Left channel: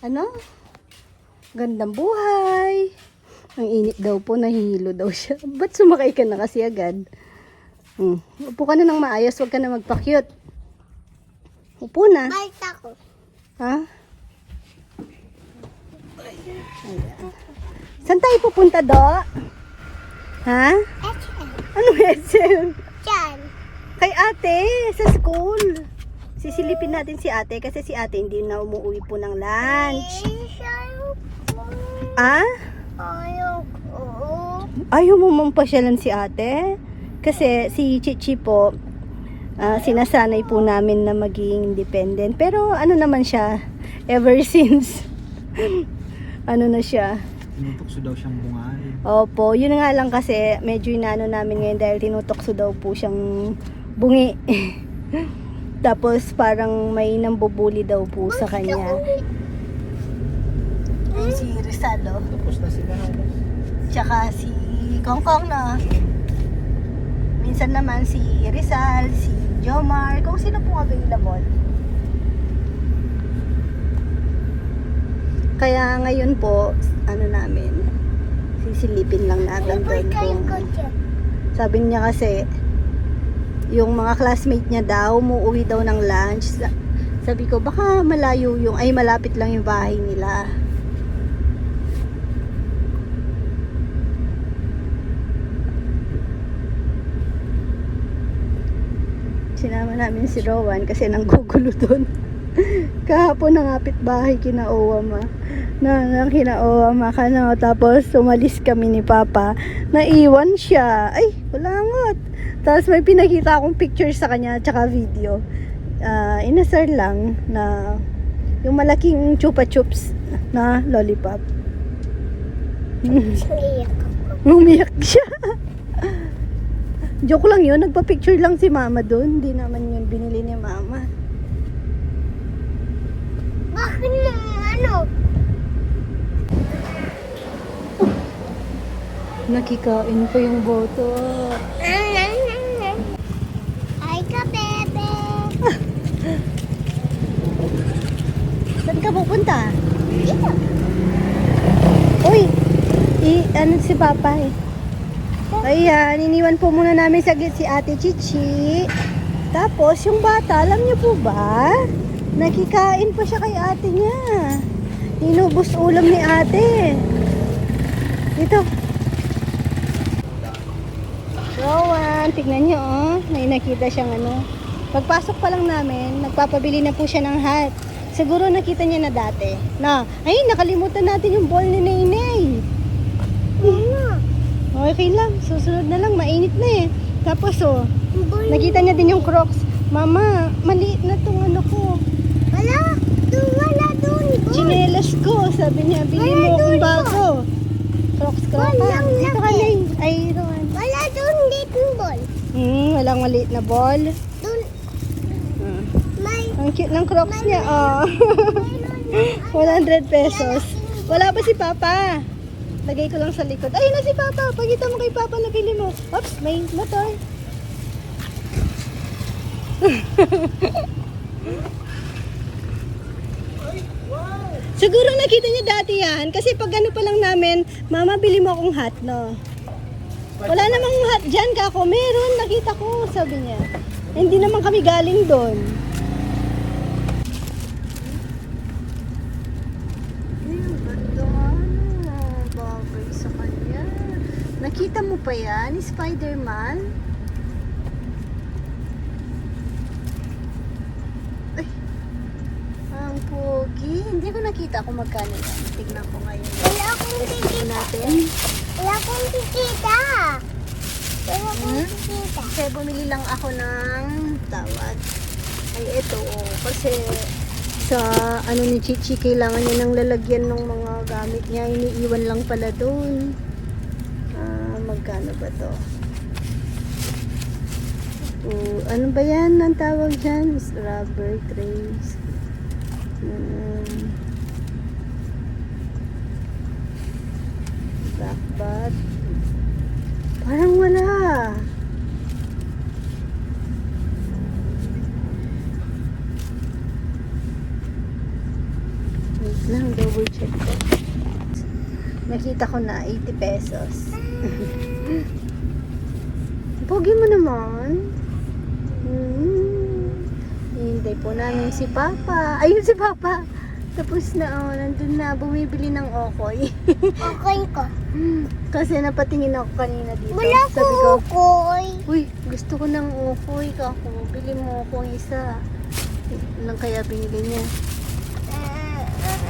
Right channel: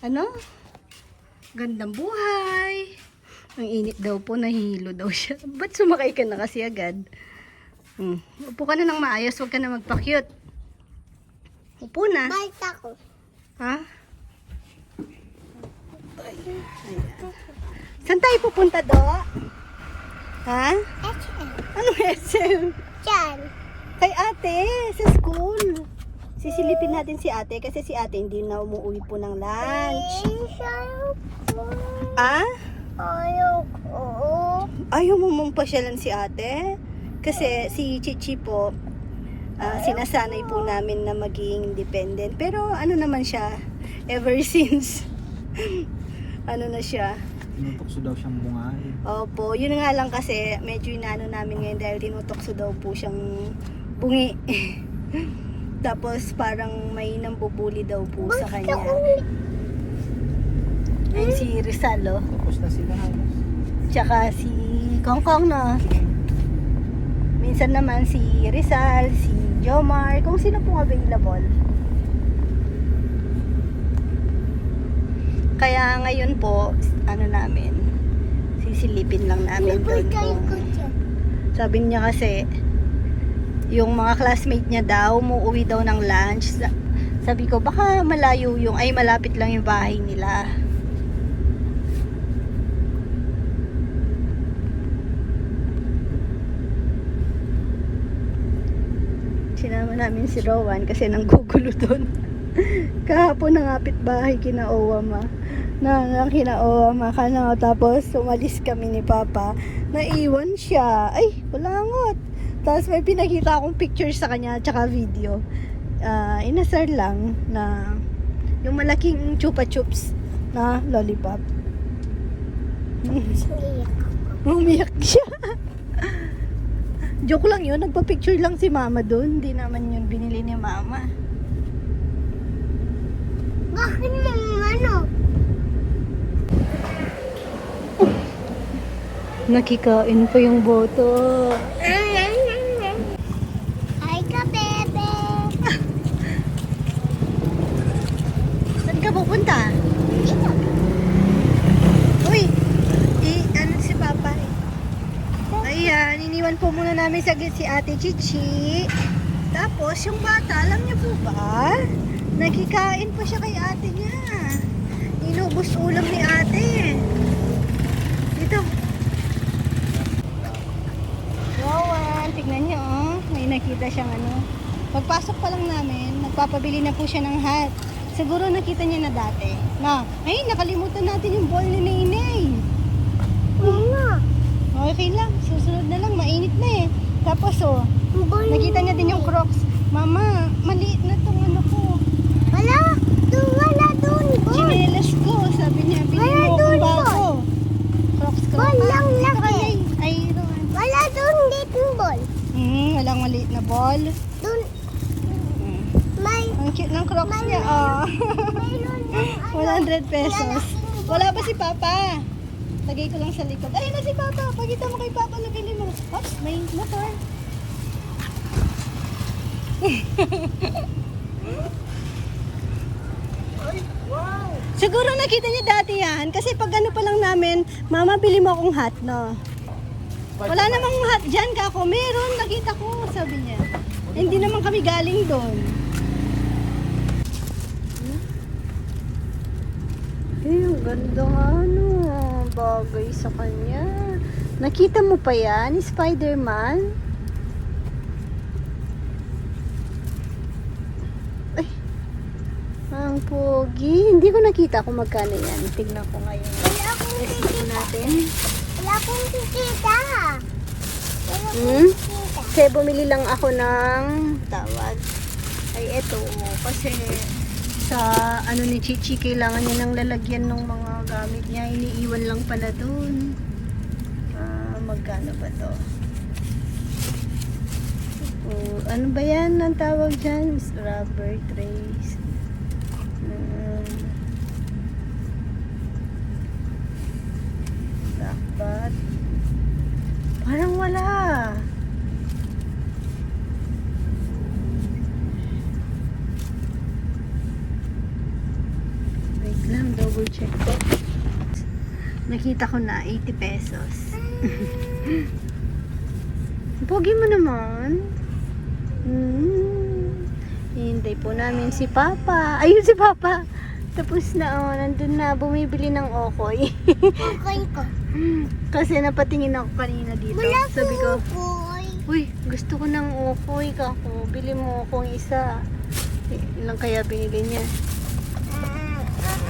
Ano? Gandang buhay. Ang init daw po, nahihilo daw siya. Ba't sumakay ka na kasi agad? Upo ka na ng maayos, huwag ka na magpa-cute. Upo na. Balik ako. Ha? Saan tayo pupunta, Do? Ha? SM. Ano SM? Diyan. Kay ate, sa school. Sisilipin natin si ate kasi si ate hindi na umuwi po ng lunch. Ah? Ayoko. Ayaw mo mampasyalan si ate? Kasi si Chichi po, sinasanay po namin na maging independent. Pero ano naman siya, ever since, ano na siya. Tinutokso daw siyang bungahin. Opo, yun nga lang kasi medyo inaano namin ngayon dahil tinutokso daw po siyang bungi. Tapos parang may nambubuli daw po sa kanya. Ayun si Rizal, oh. Tapos na sila halos. Tsaka si Kongkong, no? Minsan naman si Rizal, si Jomar, kung sino pong available. Kaya ngayon po, ano namin, sisilipin lang namin doon kung... Sabi niya kasi, yung mga classmate niya daw, umuwi daw ng lunch. Sabi ko, baka malayo yung, ay malapit lang yung bahay nila. Sinama namin si Rowan kasi nanggugulo doon. Kahapon nangapit bahay kina Owama. Nang kina Owama ka na. Tapos umalis kami ni Papa. Naiwan siya. Ay, wala ngot. Tapos may pinakita akong picture sa kanya tsaka video. Inasar lang na yung malaking chupa chups na lollipop. Umiyak siya. Joke lang yun, nagpa-picture lang si Mama doon. Hindi naman yun binili ni Mama. Bakit yung ano? Nakikain pa yung boto. Ay ka, bebe. Saan ka pupunta? Uy! Ano si Papa eh? Ayan, iniwan po muna namin sa gate si Ate Chichi. Tapos, yung bata, alam niyo po ba? Nakikain pa siya kay ate niya. Inubos ulam ni ate. Dito. Rowan, tignan niyo oh. May nakita siyang ano. Pagpasok pa lang namin, nagpapabili na po siya ng hat. Siguro nakita niya na dati. Na, ay, nakalimutan natin yung ball ni Nainay. Okay lang, susunod na lang, mainit na eh. Tapos oh, nakita niya din yung Crocs. Mama, maliit na to, ano ko. Wala doon. Chinelas ko, sabi niya, bilhin mo akong bago. Crocs ko. Ball lang Dito ka, laki. Nay. Ay, Rowan. Wala doon dito ball. Walang maliit na ball. Doon may Ang cute ng Crocs niya, oh. mayroon 100 pesos. Wala pa si Papa. Lagay ko lang sa likod. Ayun na si Papa. Pagkita mo kay Papa, nabili mo. Oops, may motor. Siguro nakita niya dati yan. Kasi pag ano pa lang namin, Mama, bili mo akong hat, no? Wala namang hat dyan, kako. Meron, nakita ko, sabi niya. Hindi naman kami galing doon. Ang ganda nga, ano. Bagay sa kanya. Nakita mo pa yan, Spider-Man? Ay, ang pogi. Hindi ko nakita kung magkano yan. Tignan ko ngayon. Wala akong Tignan natin. Wala akong kikita. Wala akong kikita. Kasi bumili lang ako ng tawag. Ay, eto. Kasi sa ano ni Chichi, kailangan niya ng lalagyan ng mga gamit niya. Iniiwan lang pala doon. Magkano ba to? Ano ba yan ang tawag dyan? Rubber trays. Dapat. Parang wala. My Lang, double check ko. Nakita ko na 80 pesos. Pogi mo naman. Hintay po namin si Papa. Ayun si Papa. Tapos na, oh, nandun na, bumibili ng okoy. Okay ko. Kasi napatingin ako kanina dito. Wala Sabi ko, ko koy. uy, gusto ko ng okoy kako. Bili mo akong isa. Lang kaya binili niya.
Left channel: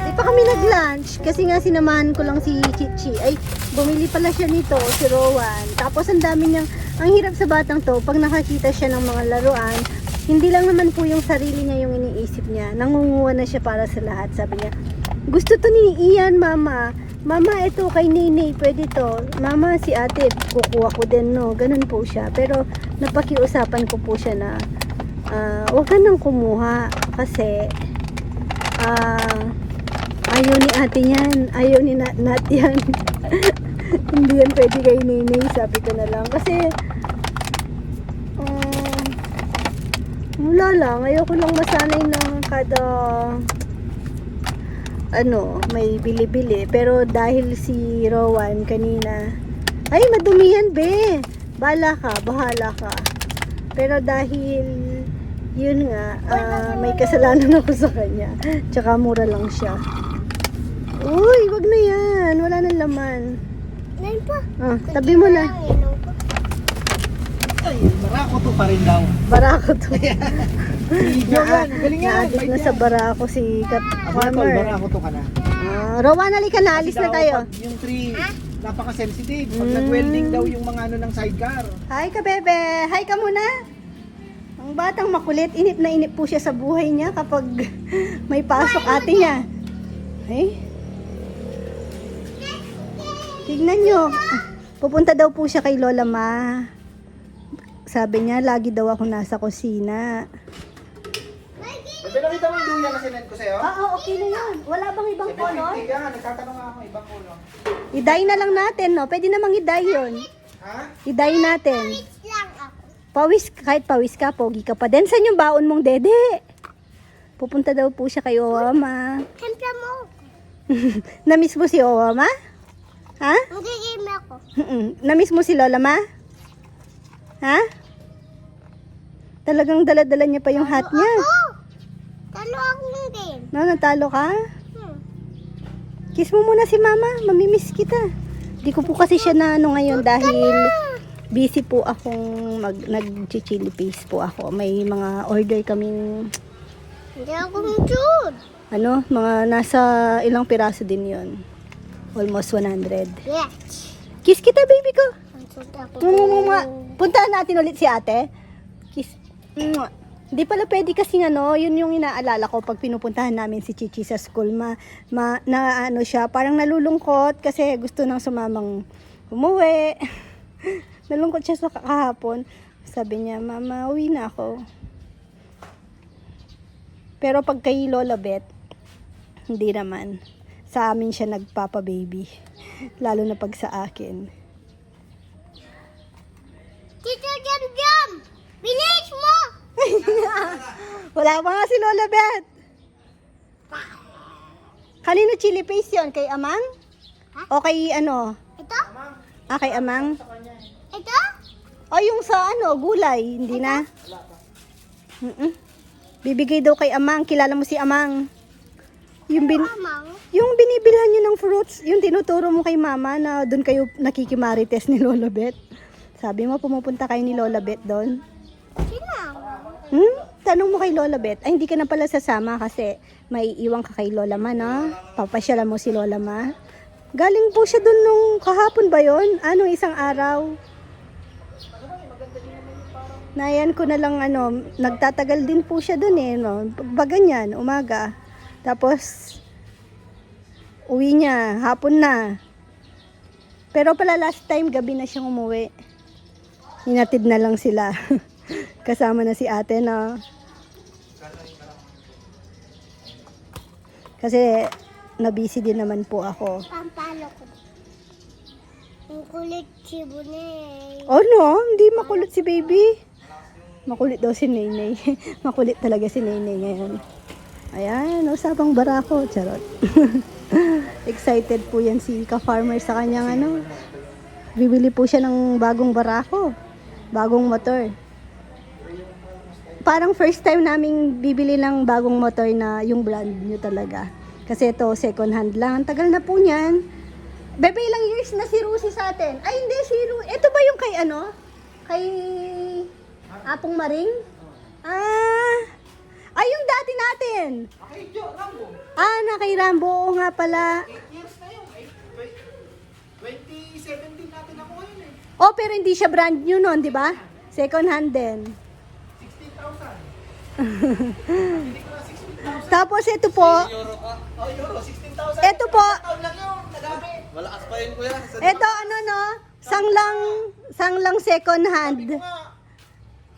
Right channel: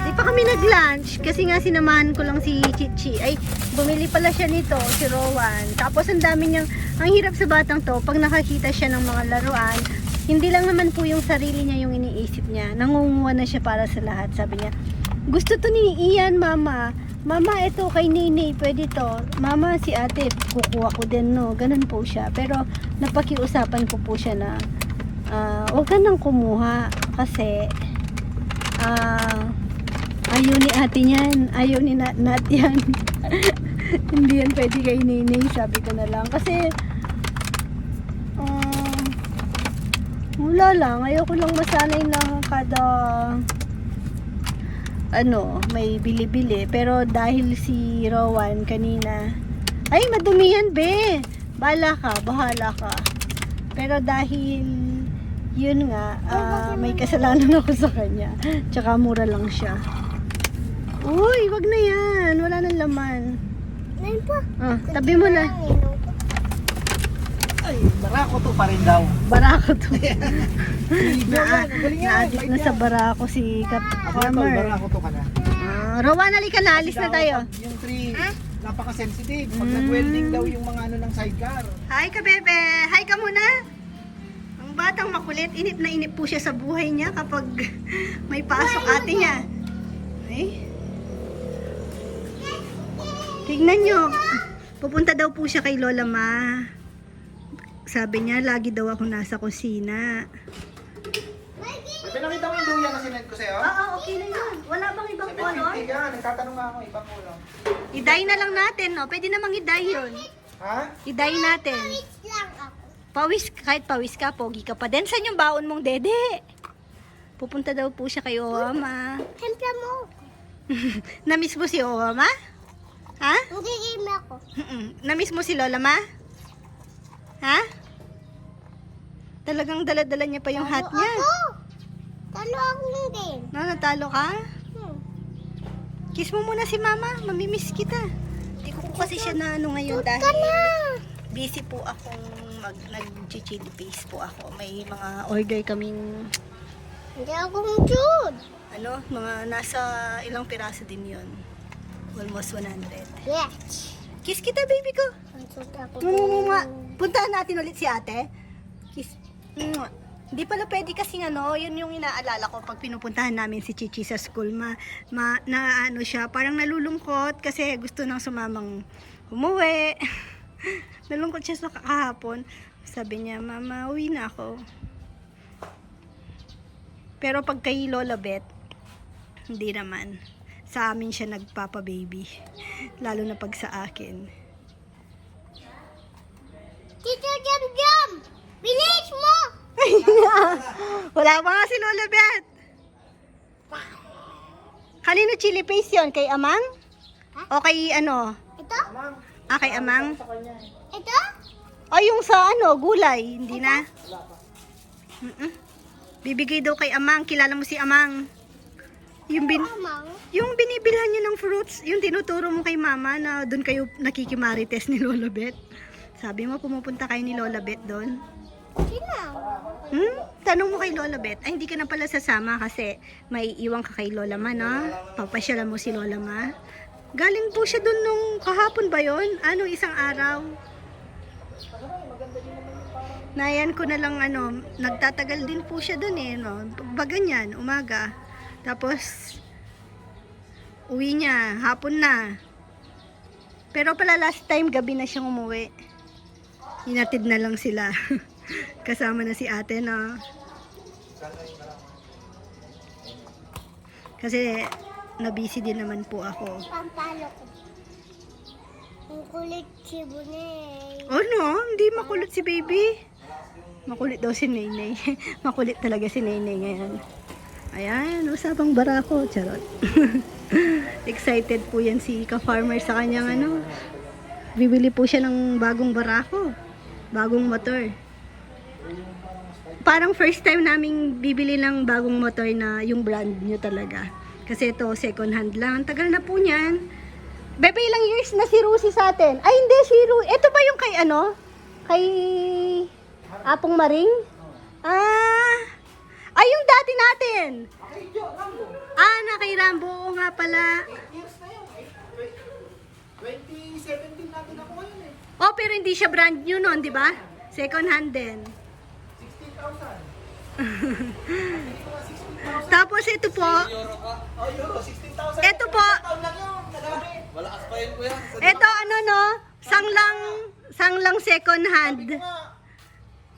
Di pa kami nag-lunch kasi nga sinamahan ko lang si Chichi. Ay, bumili pala siya nito, si Rowan. Tapos ang dami niyang, ang hirap sa batang to, pag nakakita siya ng mga laruan, hindi lang naman po yung sarili niya yung iniisip niya. Nangunguha na siya para sa lahat. Sabi niya, gusto to ni Ian, Mama. Mama, ito kay Nini, pwede to. Mama, si ate, kukuha ko din, no. Ganun po siya. Pero napakiusapan ko po siya na huwag ka nang kumuha kasi ayaw ni ate yan. Ayaw ni Nat yan. Hindi yan pwede kay Nini, sabi ko na lang. Kasi wala lang. Ayaw ko lang masanay na kada may bili-bili. Pero dahil si Rowan kanina, ay madumi yan be. Bahala ka. Pero dahil yun nga, may kasalanan ako sa kanya. Tsaka mura lang siya. Uy, wag na yan. Wala nang laman. Ngayon pa. Oh, tabi mo na. Ay, barako to pa rin daw. Barako to. Video yan, galing yan. Naagit na sa barako si Tol, barako to ka na. Rowan, halika na. Alis na Kasi daw, tayo. pag yung tree, napaka-sensitive. Pag Mm. nag-welding daw yung mga ng sidecar. Hi ka, bebe. Hi ka muna. Ang batang makulit. Inip na inip po siya sa buhay niya kapag may pasok ate niya. Ay. Tignan nyo. Pupunta daw po siya kay Lola Ma. Sabi niya, lagi daw ako nasa kusina. Pero kita mo yung duya na sinend ko sa'yo? Oo, okay na yan. Wala bang ibang color? Hindi ka, nagtatanong nga ako, ibang ulo. I-dye na lang natin, no? Pwede namang i-dye yun. Ha? I-dye natin. Lang ako. Pawis, kahit pawis ka, pogi ka pa din. Saan yung baon mong dede? Pupunta daw po siya kay Owama. Hempla mo. Namiss mo si Owama? Ha? Magiging ako. Namiss mo si Lola Ma? Ha? Talagang dala-dala niya pa yung hat niya. Talo ako din. Natalo ka? Kiss mo muna si Mama. Mamimiss kita. Di ko po kasi siya na ngayon dahil busy po akong nag-chili paste po ako. May mga order kaming Hindi ako mujud. mga nasa ilang piraso din yon. Almost 100. Yes. Kiss kita, baby ko. Ansot ako. Puntahan natin ulit si ate. Kiss. Mwah. Hindi pala pwede kasi yun yung inaalala ko pag pinupuntahan namin si Chichi sa school. Siya, parang nalulungkot kasi gusto nang sumamang umuwi. Nalungkot siya sa kahapon. Sabi niya, Mama, uwi na ako. Pero pag kay Lola Beth, hindi naman. Sa amin siya nagpapa-baby. Lalo na pag sa akin. Tito Jam! Bilis mo! Wala pa nga si Lola Beth. Kanino chili paste yun? Kay Amang? Ha? O kay Ito? kay Amang? Ito? O yung sa gulay? Hindi na? Bibigay daw kay Amang. Kilala mo si Amang? Yung Amang? yung binibilhan niyo ng fruits, yung tinuturo mo kay Mama na doon kayo nakikimarites ni Lola Beth. Sabi mo, pumupunta kayo ni Lola Beth doon? Sinama. Tanong mo kay Lola Beth. Ay, hindi ka na pala sasama kasi may iwan ka kay Lola Ma, no? Papasyalan mo si Lola Ma. Galing po siya doon nung kahapon ba yon? Isang araw. Nayan ko na lang, nagtatagal din po siya doon no? Ganyan, umaga. Tapos, uwi niya, hapon na. Pero pala last time, gabi na siyang umuwi. Hinatid na lang sila. Kasama na si ate na. Kasi nabisi din naman po ako. Pampalo ko. Ang kulit si Bunay. Oh no, hindi makulit si baby. Makulit daw si Naynay. Makulit talaga si Naynay ngayon. Ayan, usapang barako. Charot. Excited po yan si ka-farmer sa kanyang ano. Bibili po siya ng bagong barako. Bagong motor. Parang first time naming bibili ng bagong motor na yung brand new talaga. Kasi ito, second hand lang. Ang tagal na po niyan. Bebe, ilang years na si Rusi sa atin? Ay, hindi, si Rusi. Ito ba yung kay ano? Kay Apong Maring? Ay, yung dati natin. Okay, Jo, Rambo. Na kay Rambo. Oo nga pala. 8 years na yun. 2017 natin nakuha yun eh. Oh, pero hindi siya brand new noon, di ba? Second hand din. 16,000. Hindi ko na 16,000. Tapos ito po. Euro ka? Oh, Euro, 16,000. Ito po. Taon lang yun, nagabi. Malakas pa yun, kuya. Ito ano no? Sanglang second hand.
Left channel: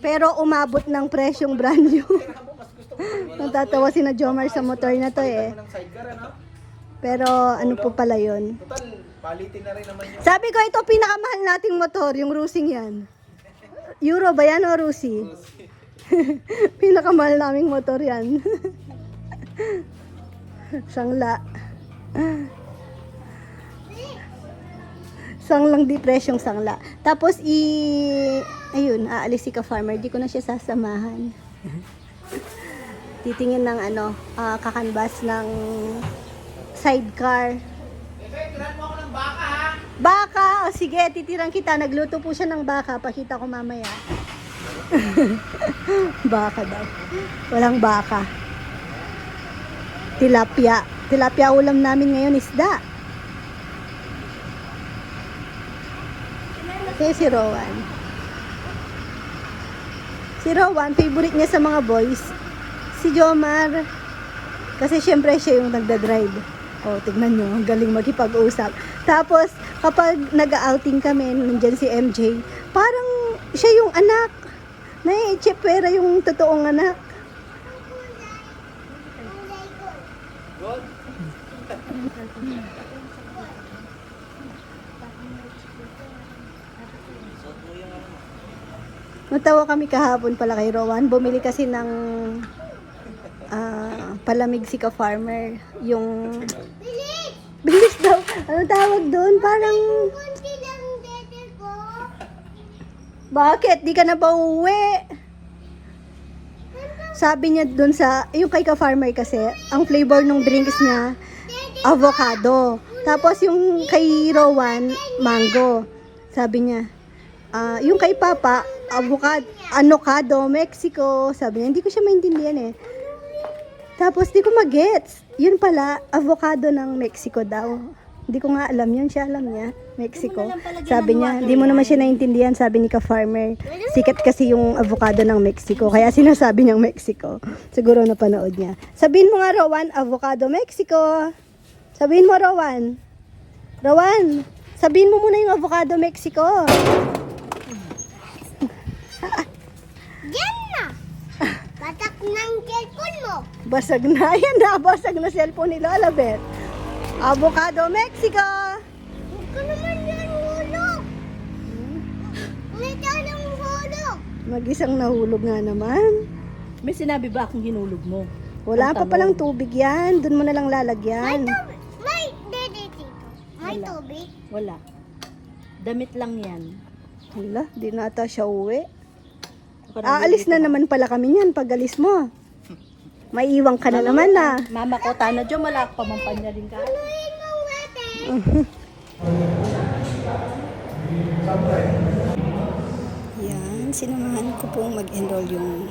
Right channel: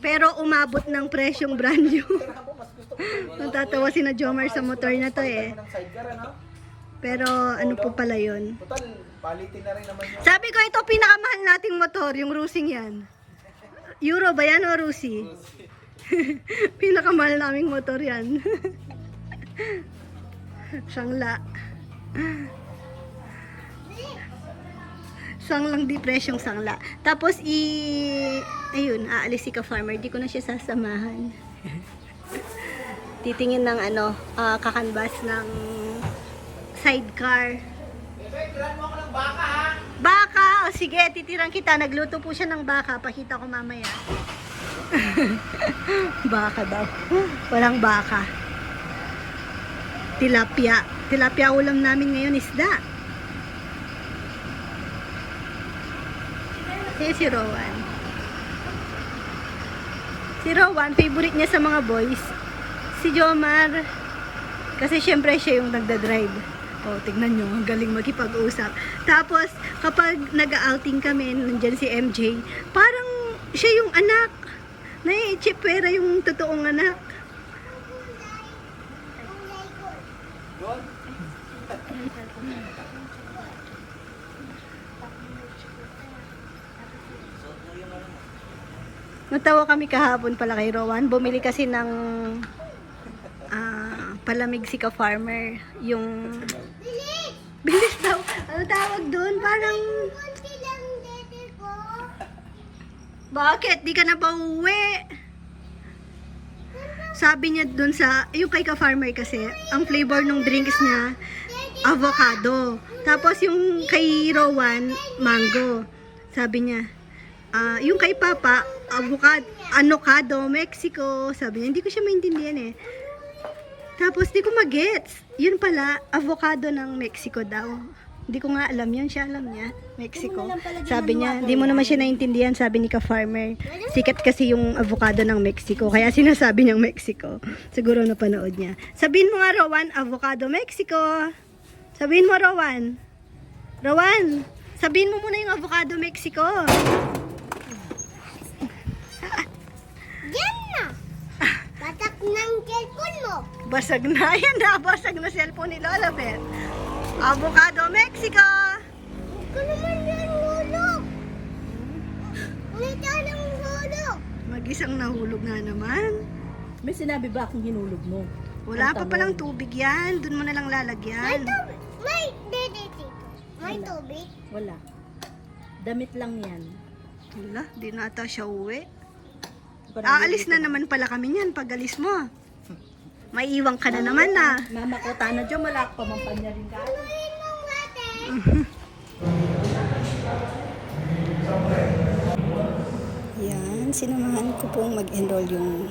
Pero umabot ng presyong brand new. Mas gusto ko. Natatawa si na Jomar sa motor na to eh. Ng sidecar, ano? Pero ano po pala yun? Total, palitin na rin naman yun. Sabi ko ito pinakamahal nating motor, yung Rusing yan. Euro ba yan o Rusi? Pinakamahal naming motor yan. Sangla. Sanglang depresyong sangla. Tapos ayun, aalis si ka-farmer. Di ko na siya sasamahan. Titingin ng ano, kakanbas ng sidecar. Tiran mo ako ng baka, ha? Baka! O sige, titirang kita. Nagluto po siya ng baka. Pakita ko mamaya. Baka daw. Walang baka. Tilapia. Tilapia ulam namin ngayon, isda. Kaya si Rowan. Si Rowan, favorite niya sa mga boys. Si Jomar. Kasi syempre siya yung nagda-drive. O, tignan nyo, ang galing makipag-usap. Tapos, kapag nag-outing kami, nandyan si MJ, parang siya yung anak. Nai-chipera yung totoong anak. Gold? Natawa kami kahapon pala kay Rowan. Bumili kasi ng palamig si ka-farmer. Yung... Bilis daw. Ano tawag doon? Parang... Kunti lang dede ko. Bakit? Di ka na ba uwi? Sabi niya doon sa... Yung kay ka-farmer kasi, ang flavor ng drinks niya, avocado. Tapos yung kay Rowan, mango. Sabi niya, yung kay Papa, avocado, Mexico. Sabi niya, hindi ko siya maintindihan eh. Tapos di ko magets. Yun pala, avocado ng Mexico daw. Hindi ko nga alam yun, siya alam niya. Mexico. Sabi niya, hindi mo naman siya naintindihan, sabi ni ka-farmer. Sikat kasi yung avocado ng Mexico, kaya sinasabi niyang Mexico. Siguro napanood niya. Sabihin mo nga, Rowan, avocado Mexico. Sabihin mo, Rowan. Rowan, sabihin mo muna yung avocado Mexico. Yan na. Batak ng cellphone mo. Basag na yan na, basag na cellphone ni Lola Beth. Avocado Mexico. Huwag ka naman yan hulog. May tanong hulog. Mag-isang nahulog nga naman. May sinabi ba akong hinulog mo? Wala pa palang tubig yan. Doon mo na lang May lalagyan. tubig. May dede dito. May Wala. tubig. Wala. Damit lang yan. Hala, di na ata siya uwi. Ako na Aalis na naman pala kami niyan pag alis mo. May iwang ka na naman na. Mama ko, tana dyan, malak pa mampanya rin ka. Tuloyin mo nga, te. Yan, sinamahan ko pong mag-enroll yung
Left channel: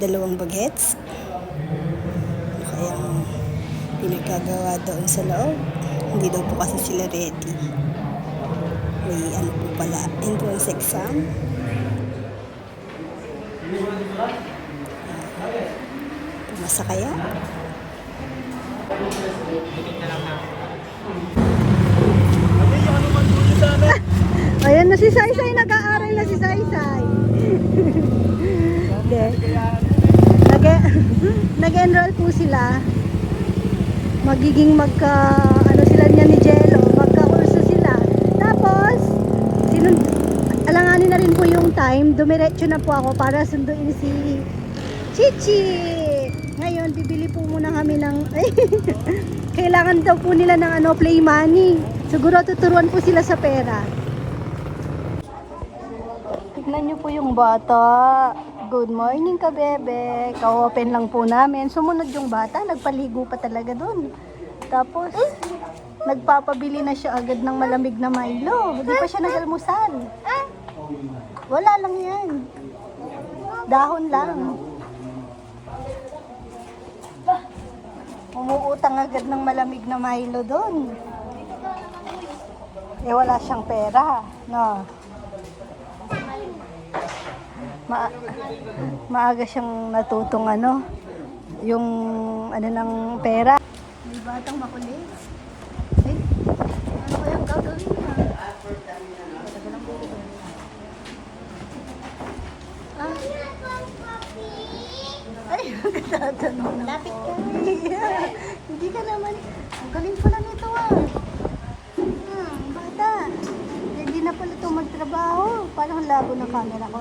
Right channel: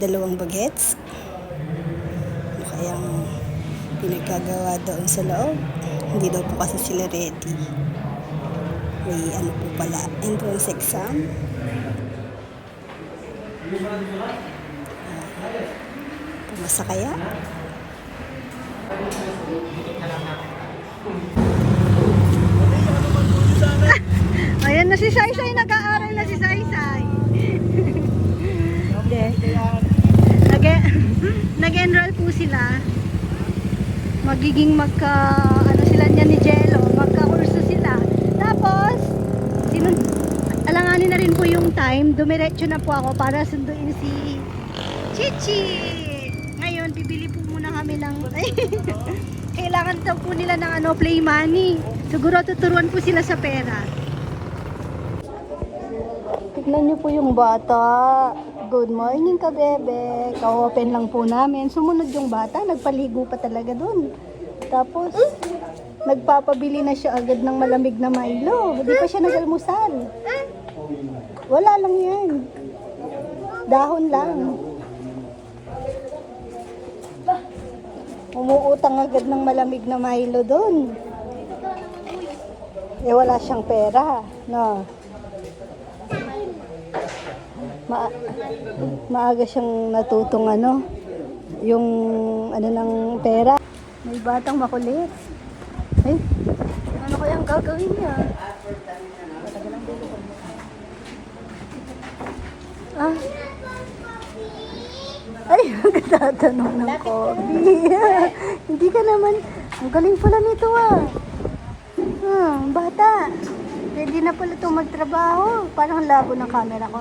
dalawang bagets. Ano kayang pinagkagawa doon sa loob. Hindi daw po kasi sila ready. May ano po pala, entrance exam. Pumasa kaya? Ayan na si Saysay, nag-aaral na si Saysay. Nag-enroll po sila. Magiging ano sila niya ni Jello, magka-kurso sila. Tapos, alanganin na rin po yung time. Dumiretso na po ako para sunduin si Chichi. Ngayon, bibili po muna kami ng kailangan daw po nila ng play money. Siguro tuturuan po sila sa pera. Tignan niyo po yung bata. Good morning ka, bebe. Ka-open lang po namin. Sumunod yung bata, nagpaligo pa talaga dun. Tapos, nagpapabili na siya agad ng malamig na Milo. Hindi pa siya nag-almusal. Wala lang yan. Dahon lang. Umuutang agad ng malamig na Milo dun. Eh, wala siyang pera. No. Maaga siyang natutong yung ng pera. May batang makulit. Ay, ano kayang gagawin niya? Ah. Ay, magtatanong ng coffee. Hindi ka naman, ang galing pala nito bata. Ready na pala ito magtrabaho. Parang labo ng camera ko.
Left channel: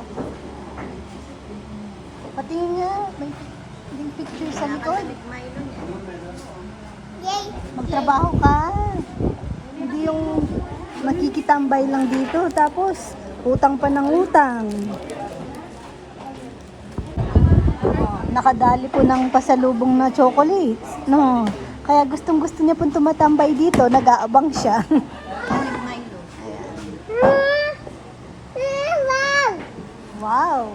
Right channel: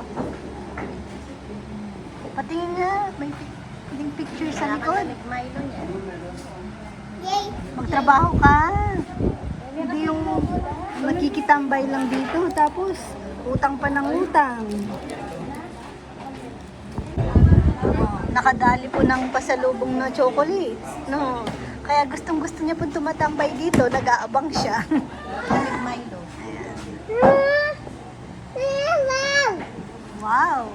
Patingin nga, may picture sa likod. Yay! Magtrabaho ka. Hindi yung makikitambay lang dito. Tapos, utang pa ng utang. Nakadali po ng pasalubong na chocolate. No. Kaya gustong-gusto niya pong tumatambay dito. Nag-aabang siya. Wow!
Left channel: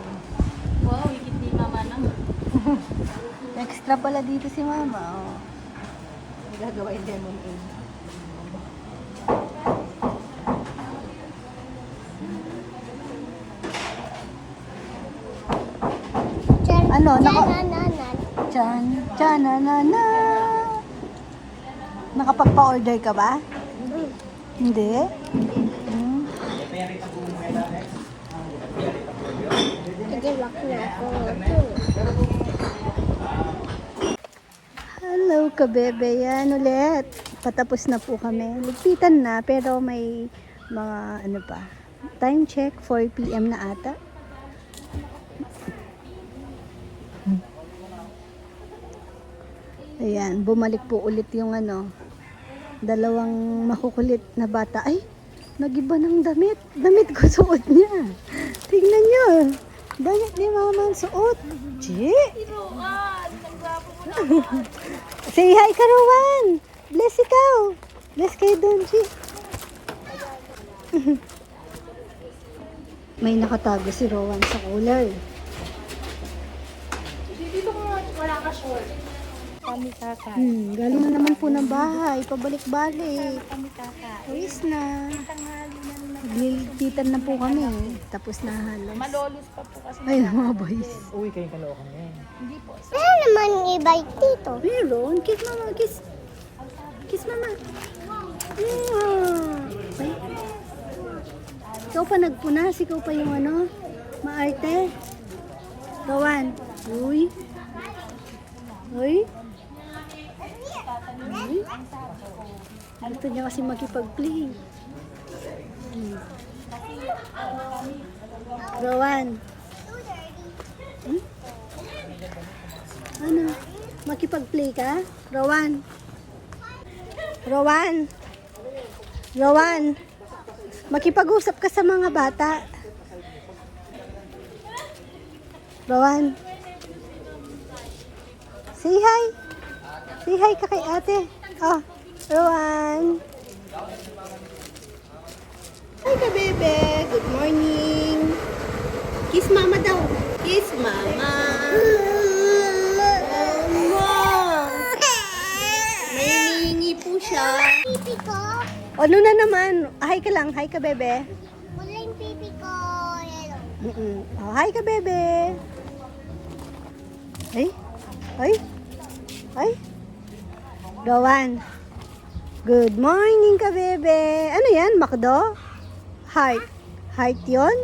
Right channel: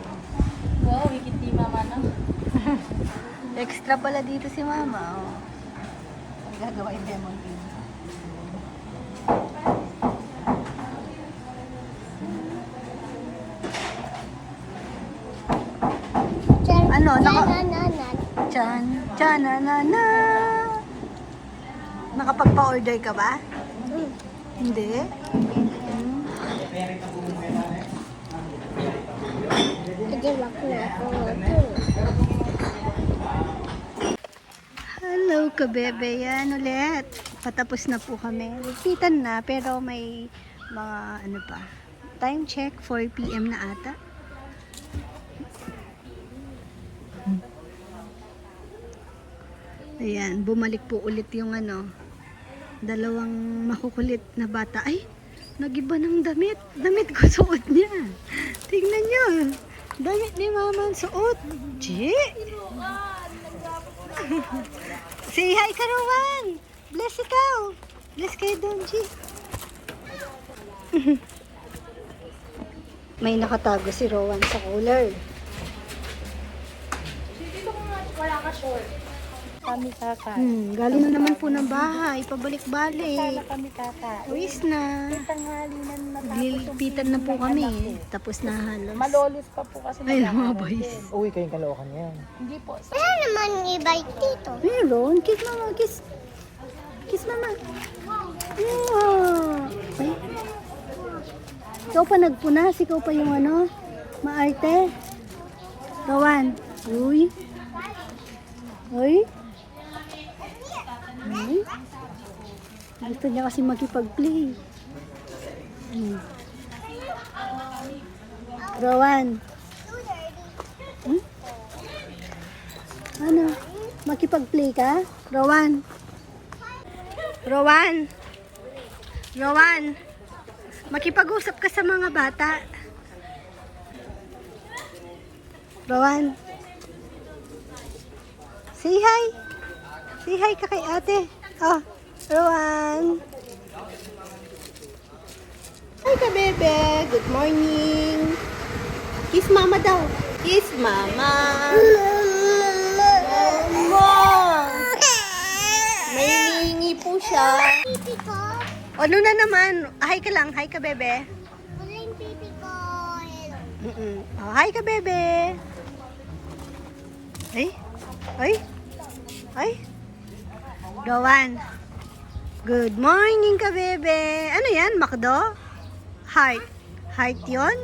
Wow, hindi mama na. Extra pala dito si mama. Gagawa yung lemon tea. Ano? Tsananana. Nakapagpa-order ka ba? Hindi? Nag-iwak na ako. Hello kabebe, yan ulit. Patapos na po kami. Nagkitan na pero may mga pa. Time check, 4 PM na ata. Ayan, bumalik po ulit yung dalawang makukulit na bata. Ay, nagiba ng damit. Damit ko suot niya. Tignan niyo. Damit ni mama ang suot. Chi! Say hi ka, Rowan. Bless ikaw. Bless kayo doon, Chi. May nakatago si Rowan sa cooler. Dito ko wala ka short. Kami kaka. Galing na naman po ng bahay. Pabalik-balik. Kami kaka. Uwis na. Nilpitan na po kami. Tapos na halos. Malolos pa po kasi. Ay, mga boys. Uy, kayong kalokan yan. Hindi po. Ano naman i-bike dito? Meron. Kiss mama. Kiss. Kiss mama. Yeah. Ay. Ikaw pa nagpunas. Ikaw pa yung maarte. Gawan. Uy. Uy. Uy. Gusto niya kasi makipag-play. Rowan. Ano? Makipag-play ka? Rowan. Rowan. Rowan. Makipag-usap ka sa mga bata. Rowan. Say hi. Say hi ka kay ate. Oh, Rowan. Hi ka, bebe. Good morning. Kiss mama daw. Kiss mama. Nangingi po siya. Pipi ko? Ano na naman? Hi ka lang. Hi ka, bebe. Wala yung pipi ko. Hello. Oh, hi ka, bebe. Ay. Ay. Ay. Gawan. Good morning ka, bebe. Ano yan? Makdo? Heart. Heart yun?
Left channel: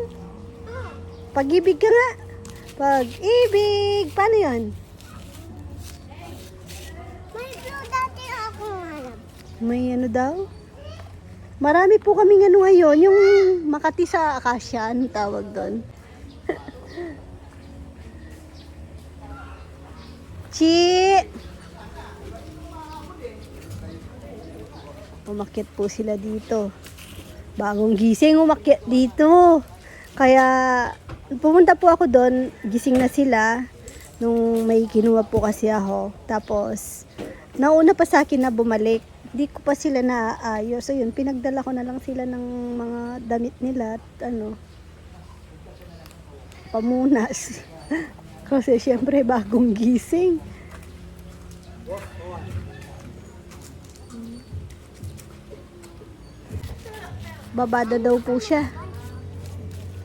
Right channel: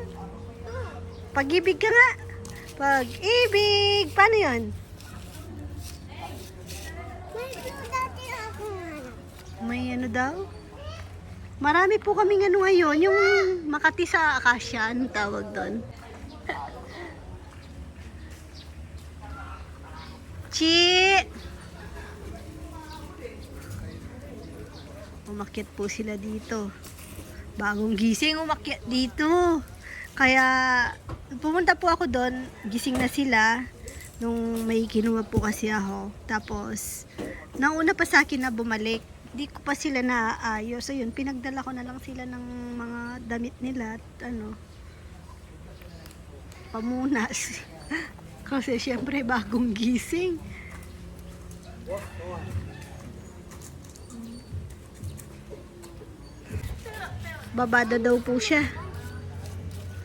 Pag-ibig ka nga. Pag-ibig. Paano yun? May blue dati ako hanap. May ano daw? Marami po kaming ngayon. Yung Makati sa Akasya. Anong tawag doon? Chichi! Umakyat po sila dito. Bagong gising, umakyat dito. Kaya, pumunta po ako doon, gising na sila. Nung may kinuha po kasi ako. Tapos, nauna pa sa akin na bumalik. Di ko pa sila naaayos. So yun, pinagdala ko na lang sila ng mga damit nila at pamunas. Kasi syempre bagong gising. Babada daw po siya.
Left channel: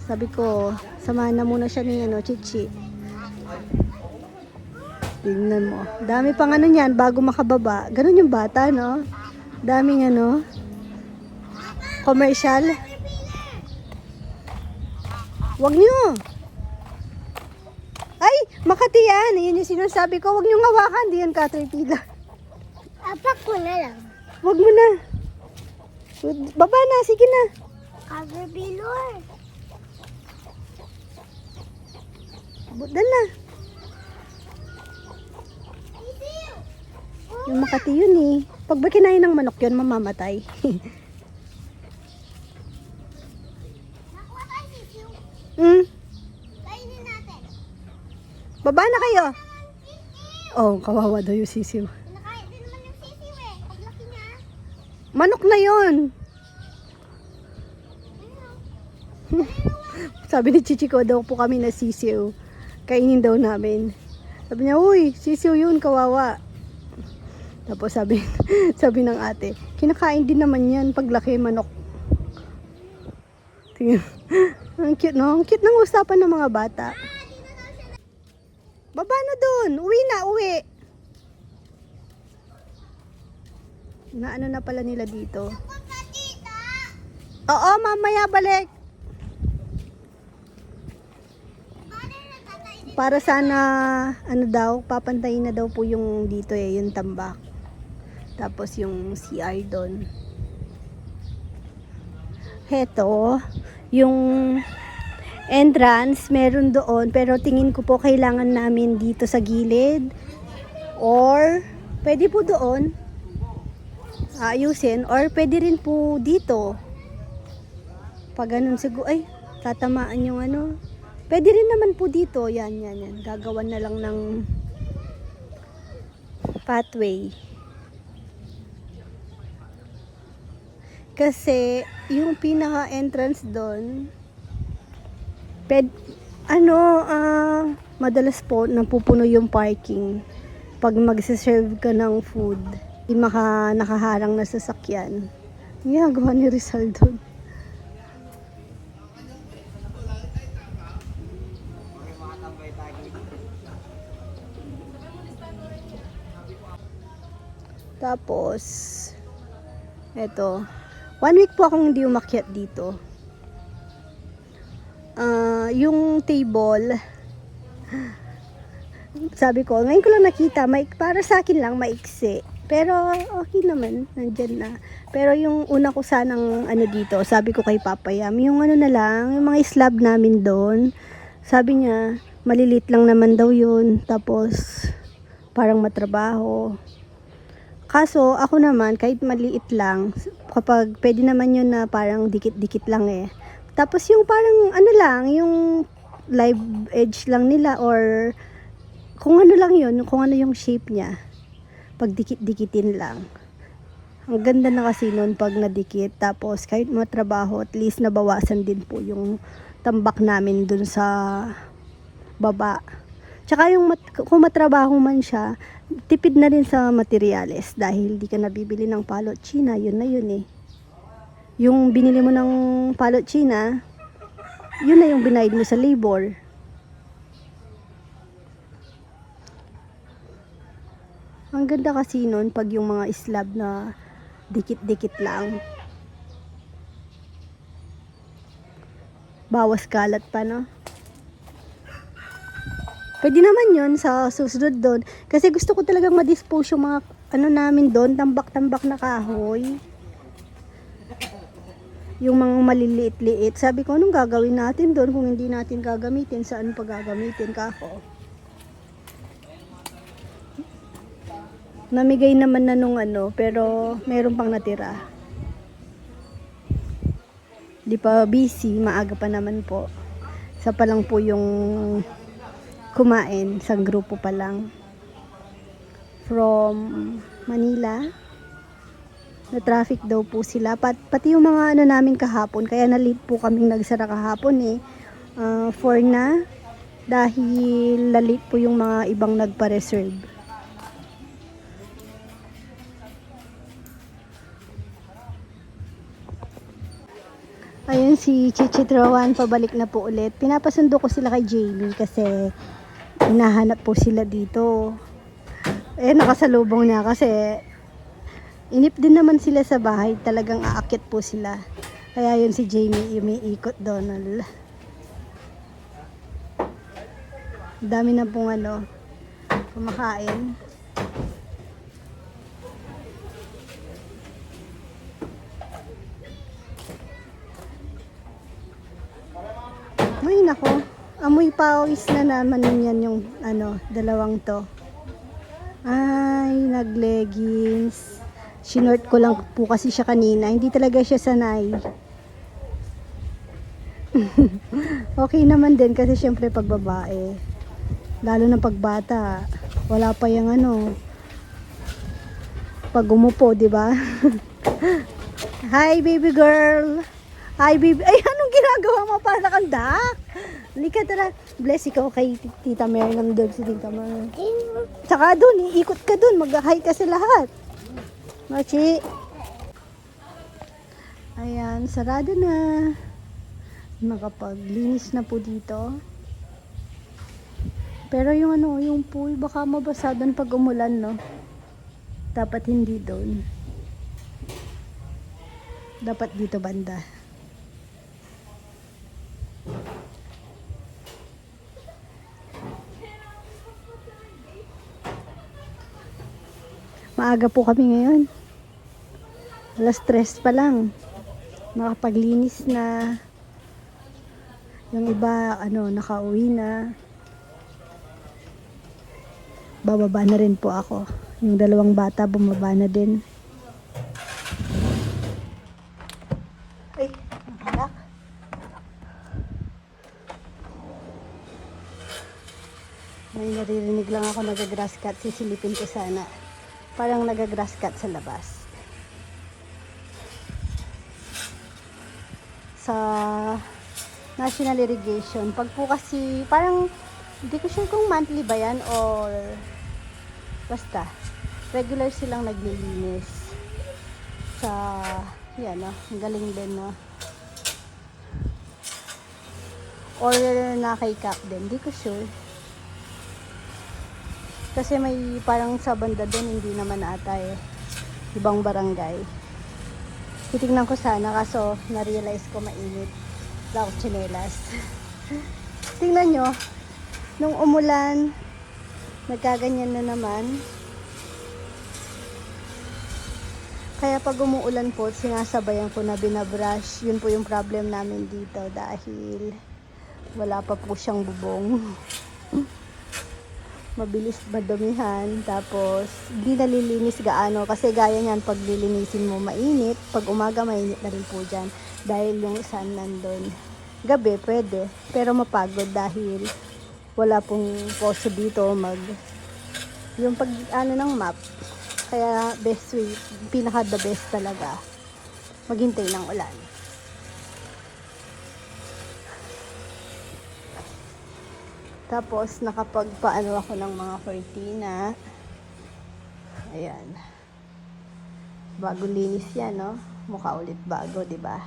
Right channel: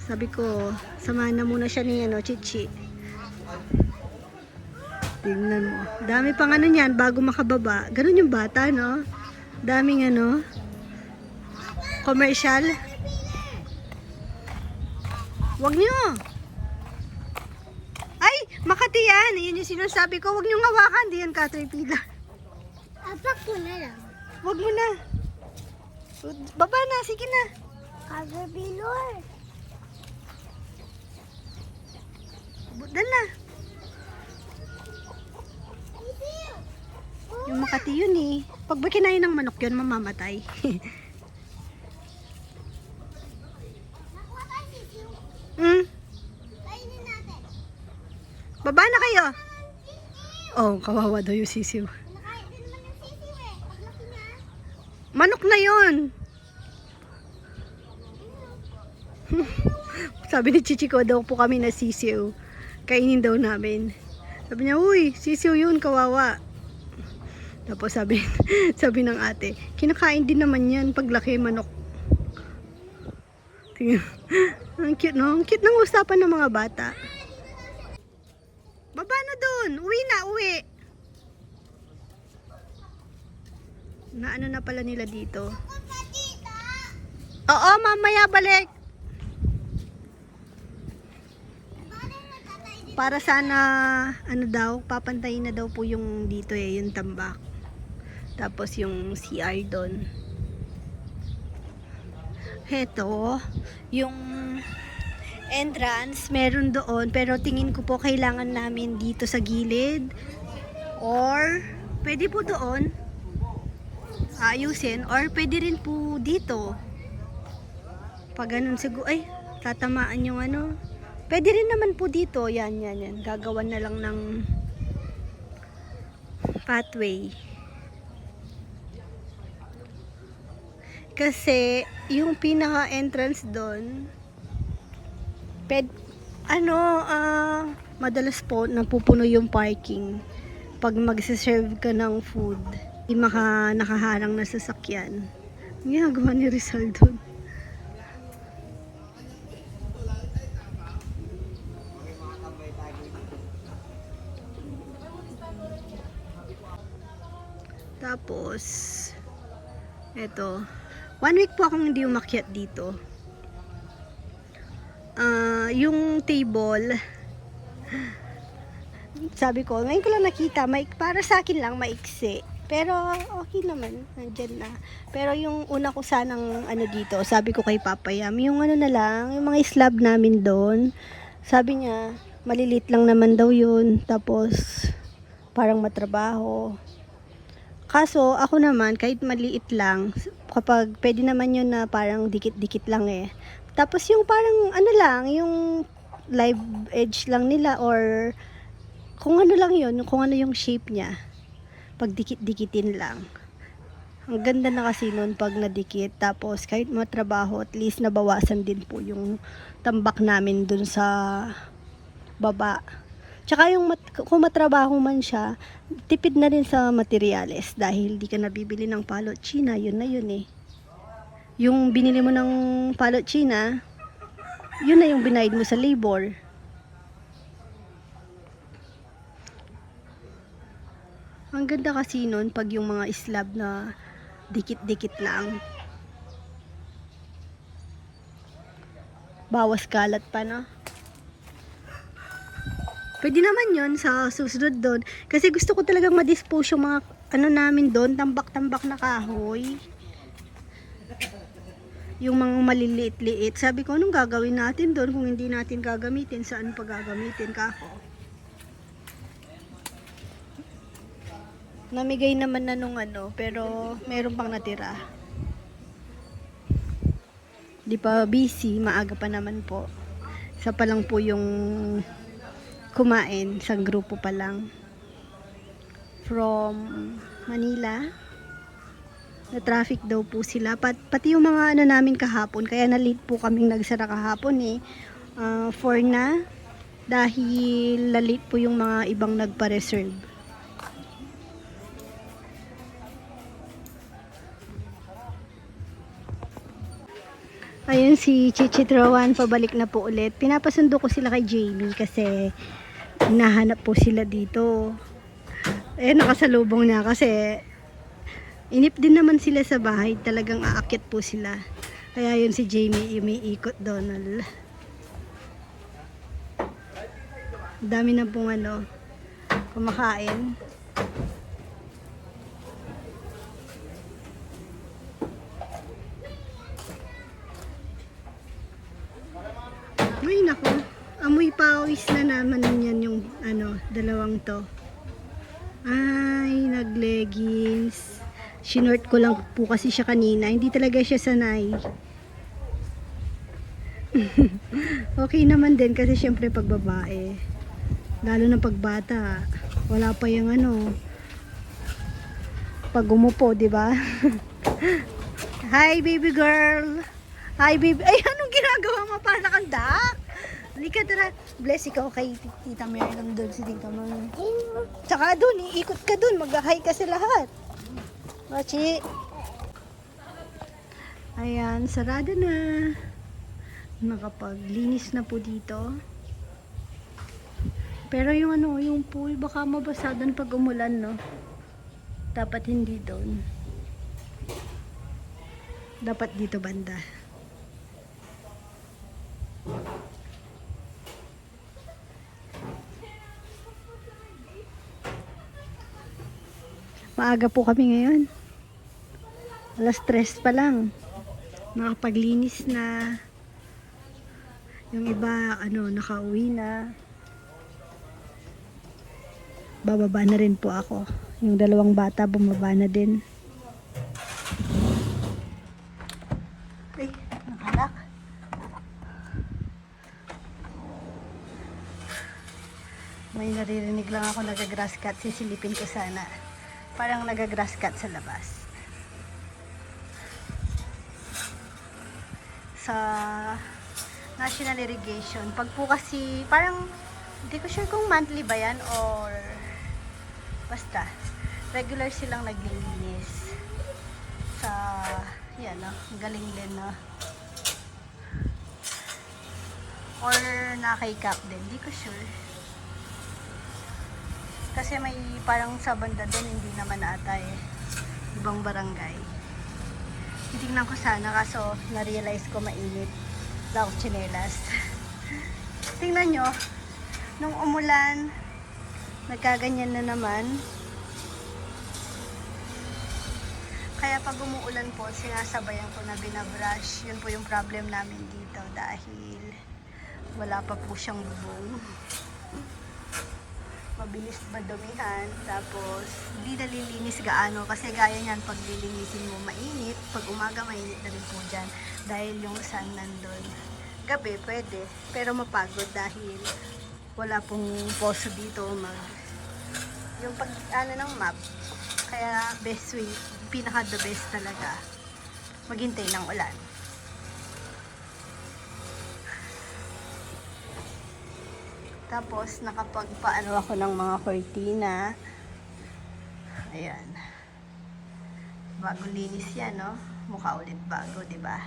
Sabi ko, samahan na muna siya ni Chichi. Tingnan mo. Dami pang niyan bago makababa. Ganun yung bata, no? Daming commercial. Wag nyo. Ay, Makati yan. Yan yung sinasabi ko. Wag nyo hawakan. Di yan Caterpillar. Apak ko na lang. Wag mo na. Baba na. Sige na. Caterpillar. Budan na. Yung Makati yun eh. Pag ba kinain ng manok yun, mamamatay. Nakuha tayo sisiw. Kainin natin. Baba na kayo. Oh, kawawa daw yung sisiw. Nakain din naman yung sisiw eh. Paglaki niya. Manok na yun. Sabi ni Chichi ko daw po kami na sisiw. Kainin daw namin. Sabi niya, uy, sisiw yun, kawawa. Tapos sabi ng ate, kinakain din naman yan paglaki manok. Tingnan. Ang cute, no? Ang cute ng usapan ng mga bata. Baba na dun. Uwi na, uwi. Naano na pala nila dito. Oo, mamaya balik. Para sana, papantayin na daw po yung dito yung tambak. Tapos yung CR doon. Heto, yung entrance, meron doon. Pero tingin ko po kailangan namin dito sa gilid. Or, pwede po doon. Ayusin. Or, pwede rin po dito. Pag ganun siguro, ay, tatamaan yung Pwede rin naman po dito. Yan. Gagawan na lang ng pathway. Kasi, yung pinaka-entrance doon, madalas po napupuno yung parking pag magsiserve ka ng food. Hindi nakaharang na sasakyan. Ginagawa ni Rizal doon. Tapos, eto, 1 week po akong hindi umakyat dito. Yung table, sabi ko, ngayon ko lang nakita, para sa akin lang maiksi. Pero okay naman, nandyan na. Pero yung una ko sanang dito, sabi ko kay Papa Yam, yung na lang, yung mga slab namin doon, sabi niya, malilit lang naman daw yun. Tapos, parang matrabaho. Kaso, ako naman, kahit maliit lang, kapag pwede naman yun na parang dikit-dikit lang eh. Tapos yung parang yung live edge lang nila or kung lang yun, kung yung shape niya. Pag dikit-dikitin lang. Ang ganda na kasi nun pag nadikit. Tapos kahit matrabaho, at least nabawasan din po yung tambak namin dun sa baba. Tsaka kung matrabaho man siya, tipid na rin sa materyales dahil di ka nabibili ng palot China, yun na yun eh. Yung binili mo ng palot China, yun na yung binayad mo sa labor. Ang ganda kasi nun pag yung mga slab na dikit-dikit lang. Bawas kalat pa, no? Pwede naman yun sa susunod doon. Kasi gusto ko talagang ma-dispose yung mga namin doon, tambak-tambak na kahoy. Yung mga maliliit-liit. Sabi ko, anong gagawin natin doon kung hindi natin gagamitin? Saan pa gagamitin kako? Namigay naman na nung ano, pero meron pang natira. Di pa busy, maaga pa naman po. Isa pa lang po yung kumain, isang grupo pa lang. From Manila. Na traffic daw po sila. Pati yung mga ano namin kahapon, kaya na late po kaming nagsara kahapon eh. 4 na. Dahil lalit po yung mga ibang nagpa-reserve. Ayun si Chichit Rowan, pabalik na po ulit. Pinapasundo ko sila kay Jamie kasi hinahanap po sila dito. Eh, nakasalubong niya kasi inip din naman sila sa bahay. Talagang aakyat po sila. Kaya yun si Jamie, umiikot Donald. Dami na pong ano, kumakain. Ay nako, amoy pawis na naman yan yung ano, dalawang to. Ay, nag-leggings. Sinort ko lang po kasi siya kanina. Hindi talaga siya sanay. Okay naman din kasi syempre pag babae. Lalo na pag bata. Wala pa yung ano. Pag umupo, di ba? Hi, baby girl. Hi, baby. Ay, anong ginagawa mo? Para kang duck. Halika, tara. Bless ikaw kay Tita Mary. Nandun si Tita Mary. Tsaka dun, iikot ka dun. Mag-hi ka sa lahat. Machi. Ayan, sarado na. Nakapaglinis na po dito. Pero yung ano, yung pool, baka mabasa doon pag umulan, no? Dapat hindi doon. Dapat dito banda. Maaga po kami ngayon. Alas 3 pa lang. Makapaglinis na. Yung iba, ano, nakauwi na. Bababa na rin po ako. Yung dalawang bata, bumaba na din. Ay, nakalak. May naririnig lang ako nag-grass cut. Sisilipin ko sana. Parang nag-grass cut sa labas. Sa National Irrigation. Pag po kasi, parang, hindi ko sure kung monthly ba yan or basta, regular silang naglilinis. Sa, yan no, galing din no. Or na kay Cap din, hindi ko sure. Kasi may parang sa banda din, hindi naman ata eh. Ibang barangay. Titignan ko sana, kaso na-realize ko mainit. Wala akong tsinelas. Tingnan nyo, nung umulan, nagkaganyan na naman. Kaya pag umuulan po, sinasabayan ko na binabrush. Yun po yung problem namin dito dahil wala pa po siyang bubong. Mabilis madumihan, tapos di nalilinis gaano kasi gaya niyan pag lilinisin mo mainit, pag umaga mainit na rin po dyan dahil yung sun nandun. Gabi pwede, pero mapagod dahil wala pong poso dito yung pag ano ng map. Kaya best way, pinaka the best talaga maghintay ng ulan. Tapos, nakapagpaano ako ng mga cortina. Ayan. Bago linis yan, no? Mukha ulit bago, di ba?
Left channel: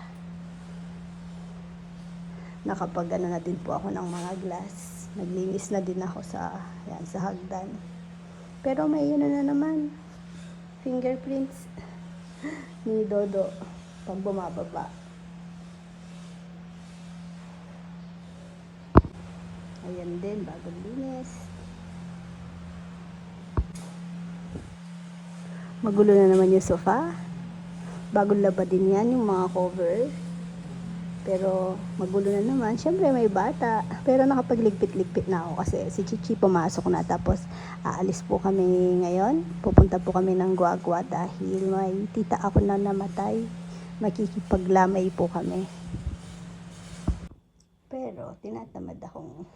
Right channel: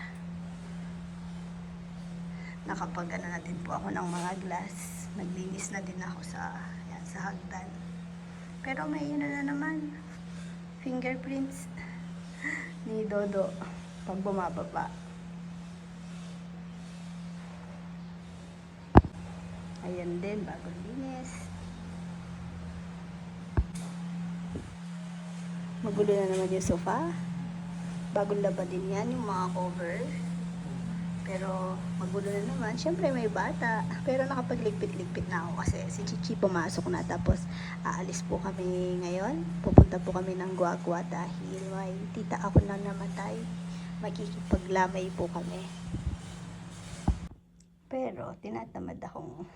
Nakapag-ano na din po ako ng mga glass. Naglinis na din ako sa hagdan. Pero may yun na naman. Fingerprints ni Dodo pag bumababa. Ayan din, bagong linis. Magulo na naman yung sofa. Bagong laba din yan, yung mga cover. Pero magulo na naman. Siyempre may bata. Pero nakapagligpit-ligpit na ako kasi si Chichi pumasok na. Tapos aalis po kami ngayon. Pupunta po kami ng Guagua dahil may tita ako na namatay. Makikipaglamay po kami. Pero tinatamad akong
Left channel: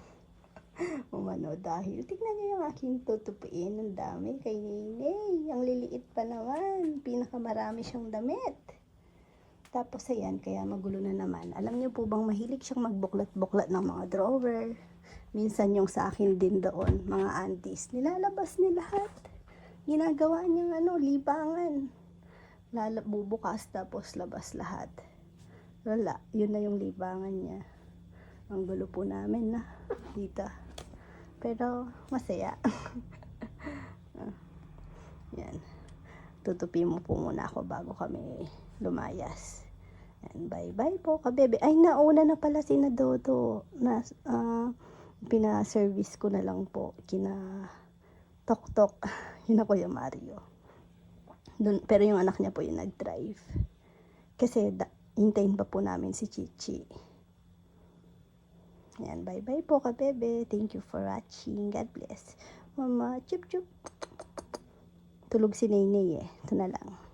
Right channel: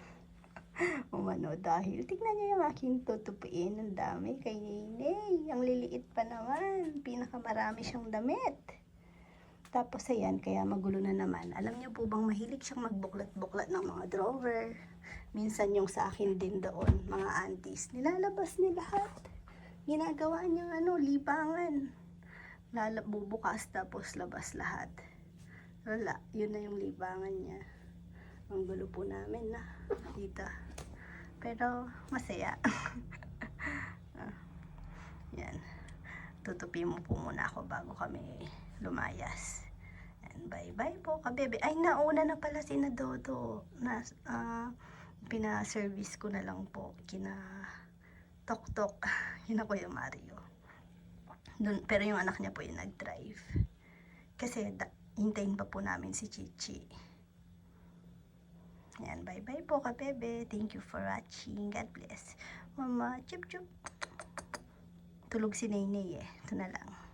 umano dahil tignan niyo yung aking tutupiin. Ang dami kay Nene. Ang liliit pa naman. Pinakamarami siyang damit. Tapos ayan, kaya magulo na naman. Alam niyo po bang mahilig siyang magbuklat-buklat ng mga drawer? Minsan yung sa akin din doon, mga aunties, nilalabas ni lahat. Ginagawa niyang libangan. Bubukas tapos labas lahat. Wala, yun na yung libangan niya. Ang gulo po namin na dito. Pero masaya. Yan. Tutupi mo po muna ako bago kami lumayas. And bye-bye po, kabebe. Ay, nauna na pala si na Dodo. Pina-service ko na lang po. Kina Tok-Tok. Yun ako yung Mario. Pero yung anak niya po yung nag-drive. Kasi hintayin pa po namin si Chichi. Ayan, bye-bye po, kabebe. Thank you for watching. God bless. Mama, chup-chup. Tulog si Nene eh. Ito na lang.